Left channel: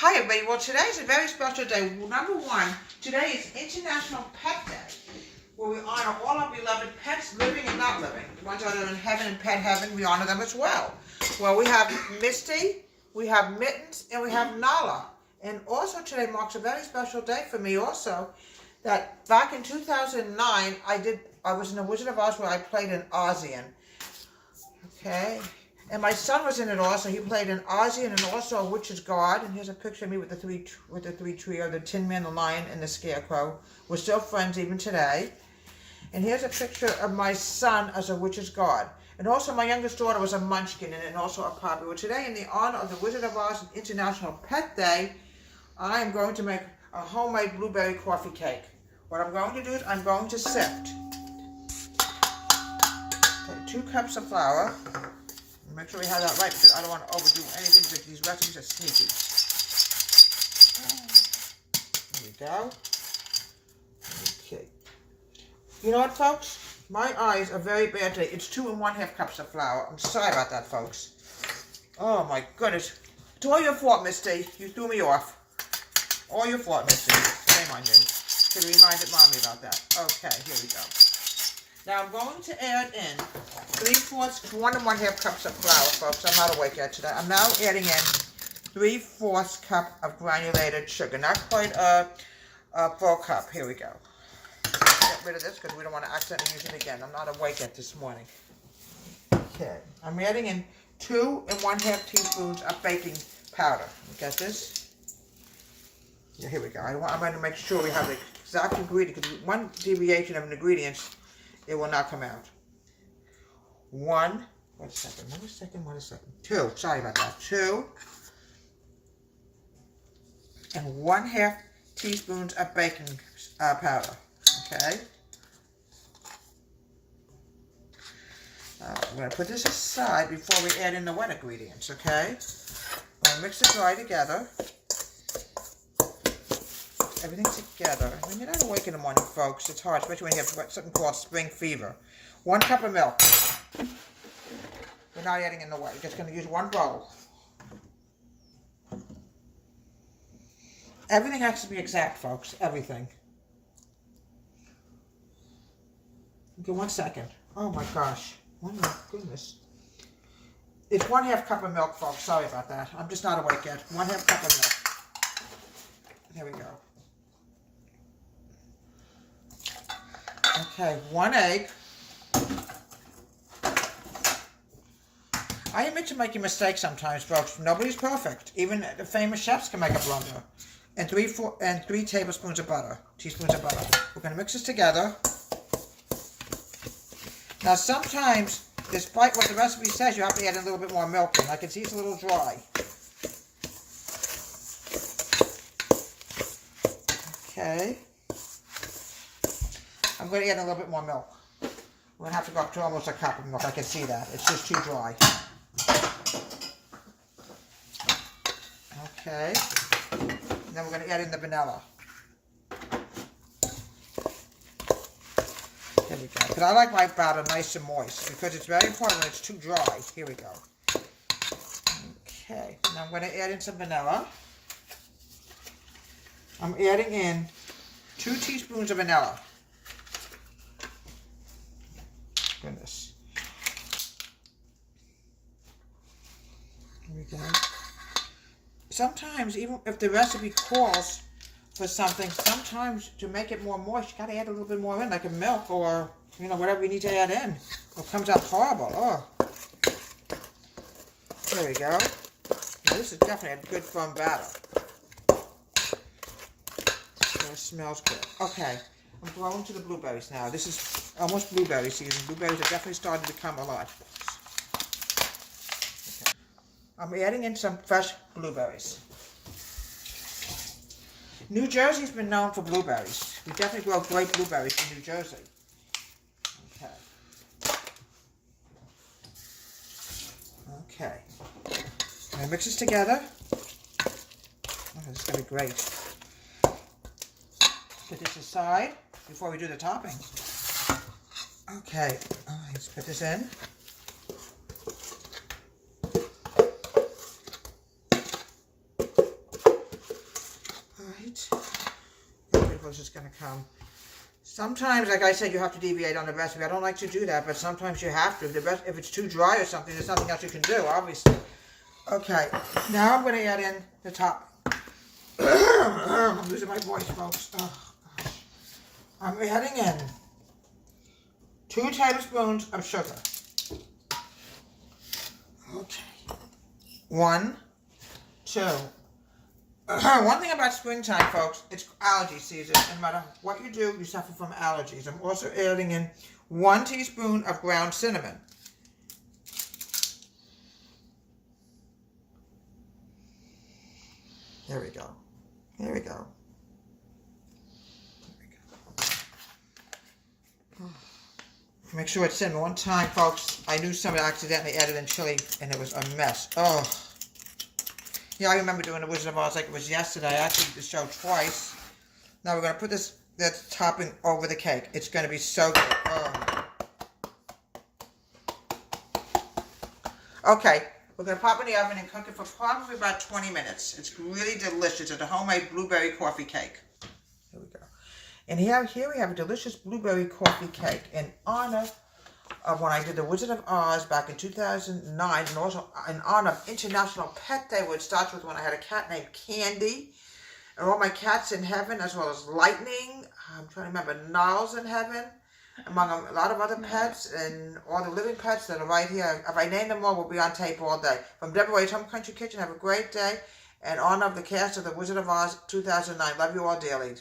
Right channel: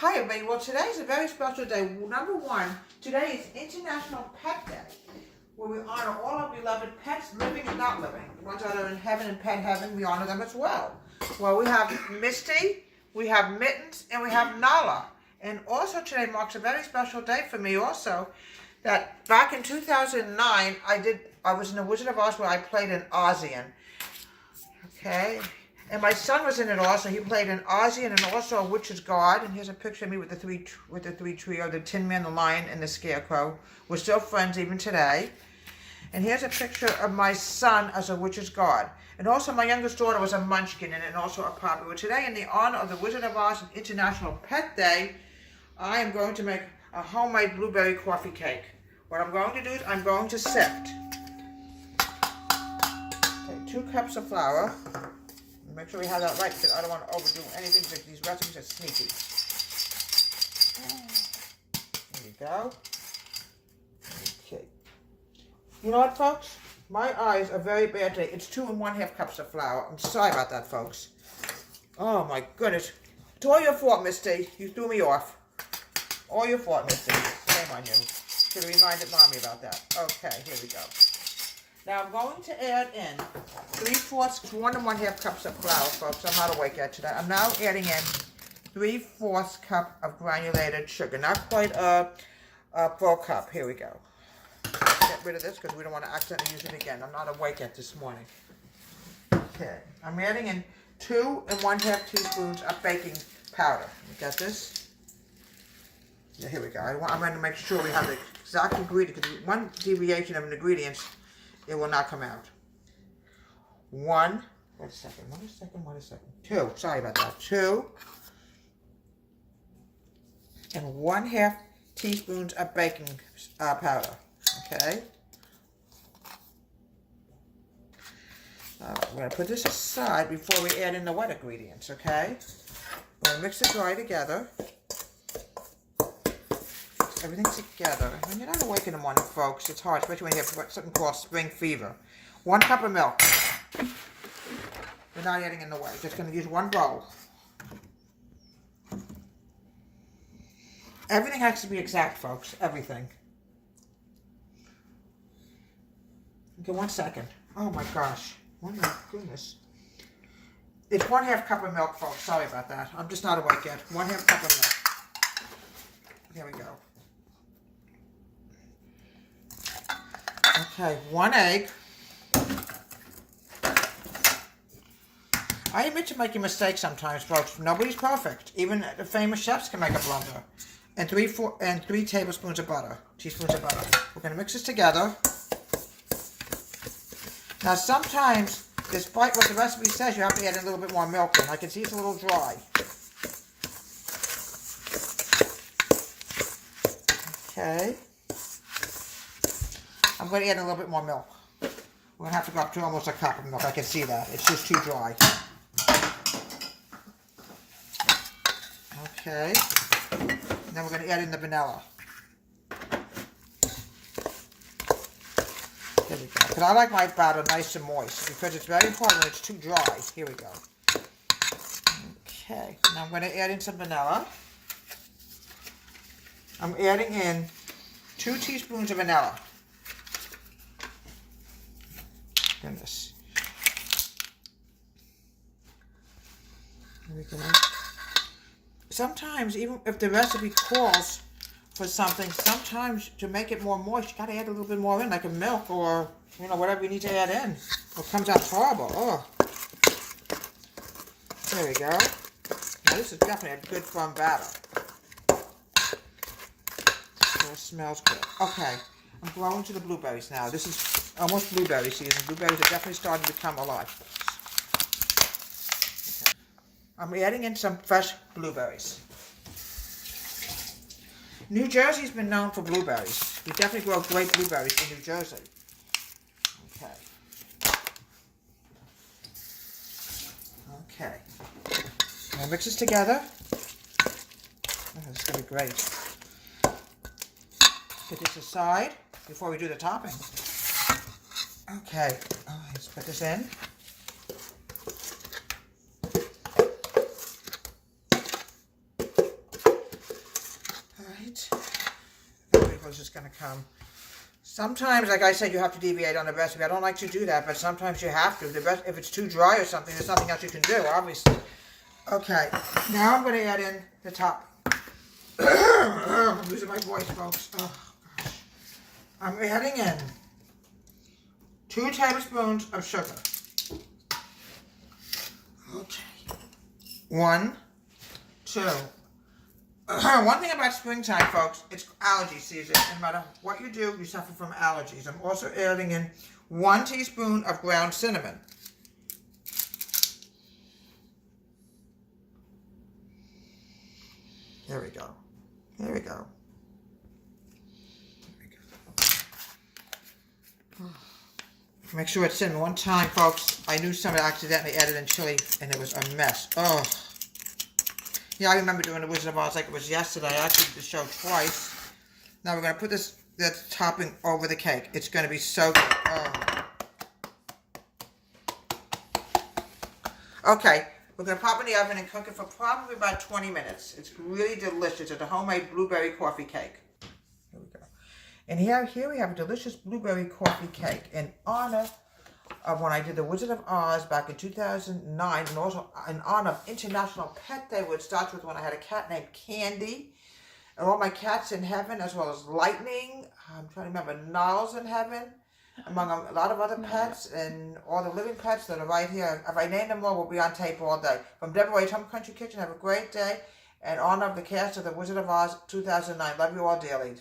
Hi everybody, well today is a very special day. Number one, today is International Pet Day, where we honor all our beloved pets, living and not living. The ones that are in heaven and pet heaven, we honor them as well. Well, we have Misty, we have Mittens, and we have Nala. And also today marks a very special day for me also, that back in 2009, I was in the Wizard of Oz where I played an Ozian. Okay. And my son was in it also. He played an Ozian and also a Witch's Guard. And here's a picture of me with the three trio, the Tin Man, the Lion, and the Scarecrow. We're still friends even today. And here's a picture of my son as a Witch's Guard. And also my youngest daughter was a Munchkin in it, and also a Poppy. Well, today, in the honor of the Wizard of Oz International Pet Day, I am going to make a homemade blueberry coffee cake. What I'm going to do is I'm going to sift 2 cups of flour. Make sure we have that right because I don't want to overdo anything because these recipes are sneaky. There we go. Okay. You know what, folks? My eyes are very bad today. It's 2 1/2 cups of flour. I'm sorry about that, folks. Oh my goodness. It's all your fault, Misty. You threw me off. All your fault, Misty. Shame on you. Should have reminded Mommy about that. Okay, here we go. Now I'm going to add in 1 1/2 cups of flour, folks. I'm not awake yet today. I'm now adding in 3/4 cup of granulated sugar. Not quite a full cup. Here we go. Get rid of this because we don't want to accidentally use it again. I'm not awake yet this morning. Okay. I'm adding in 2 1/2 teaspoons of baking powder. Got this? Yeah, here we go. I'm going to make sure we have the exact ingredient because one deviation of an ingredient, it will not come out. 1 second. 2, sorry about that. 2 1/2 teaspoons of baking powder. Okay. We're going to put this aside before we add in the wet ingredients, okay? We're going to mix it dry together. Everything together. When you're not awake in the morning, folks, it's hard, especially when you have something called spring fever. 1 cup of milk. We're not adding in the water. Just going to use 1 bowl. Everything has to be exact, folks. Everything. Okay, 1 second. Oh my gosh. Oh my goodness. It's 1/2 cup of milk, folks. Sorry about that. I'm just not awake yet. 1/2 cup of milk. Here we go. Okay, 1 egg. I admit to making mistakes sometimes, folks. Nobody's perfect. Even the famous chefs can make a blunder. And 3 tablespoons of butter. Teaspoons of butter. We're going to mix this together. Now, sometimes, despite what the recipe says, you have to add a little bit more milk in. I can see it's a little dry. Okay. I'm going to add a little bit more milk. We're going to have to go up to almost a cup of milk. I can see that. It's just too dry. Okay. And then we're going to add in the vanilla. There we go. Because I like my batter nice and moist because it's very important when it's too dry. Here we go. Okay. Now I'm going to add in some vanilla. I'm adding in 2 teaspoons of vanilla. Goodness. There we go. Sometimes, even if the recipe calls for something, sometimes to make it more moist, you gotta add a little bit more in, like a milk or, you know, whatever you need to add in. It comes out horrible. Oh. There we go. Now, this is definitely a good firm batter. So it smells good. Okay. I'm going to the blueberries now. This is almost blueberry season. Blueberries are definitely starting to become alive. Okay. I'm adding in some fresh blueberries. New Jersey's been known for blueberries. We definitely grow great blueberries in New Jersey. Okay. Okay. Now mix this together. Oh, this is going to be great. Put this aside before we do the toppings. Okay, let's put this in. this is going to come. Sometimes, like I said, you have to deviate on the recipe. I don't like to do that, but sometimes you have to. If it's too dry or something, there's nothing else you can do, obviously. Okay, now I'm going to add in the top. I'm losing my voice, folks. Oh, gosh. I'm adding in 2 tablespoons of sugar. Okay. 1, 2. One thing about springtime, folks, it's allergy season. No matter what you do, you suffer from allergies. I'm also adding in 1 teaspoon of ground cinnamon. There we go. There we go. There we go. Make sure it's in one time, folks. I knew somebody accidentally added in chili, and it was a mess. Oh. Yeah, I remember doing the Wizard of Oz like it was yesterday. I actually did the show twice. Now we're going to put this topping over the cake. It's going to be so good. Oh. Okay, we're going to pop it in the oven and cook it for probably about 20 minutes. It's really delicious. It's a homemade blueberry coffee cake. Here we go. And here we have a delicious blueberry coffee cake in honor of when I did the Wizard of Oz back in 2009, and also in honor of International Pet Day, which starts with when I had a cat named Candy, and all my cats in heaven, as well as Lightning, I'm trying to remember, Niles in heaven, among a lot of other pets, and all the living pets that are right here. If I name them all, we'll be on tape all day. From Deborah Wade's Home Country Kitchen, have a great day, in honor of the cast of the Wizard of Oz 2009. Love you all dearly.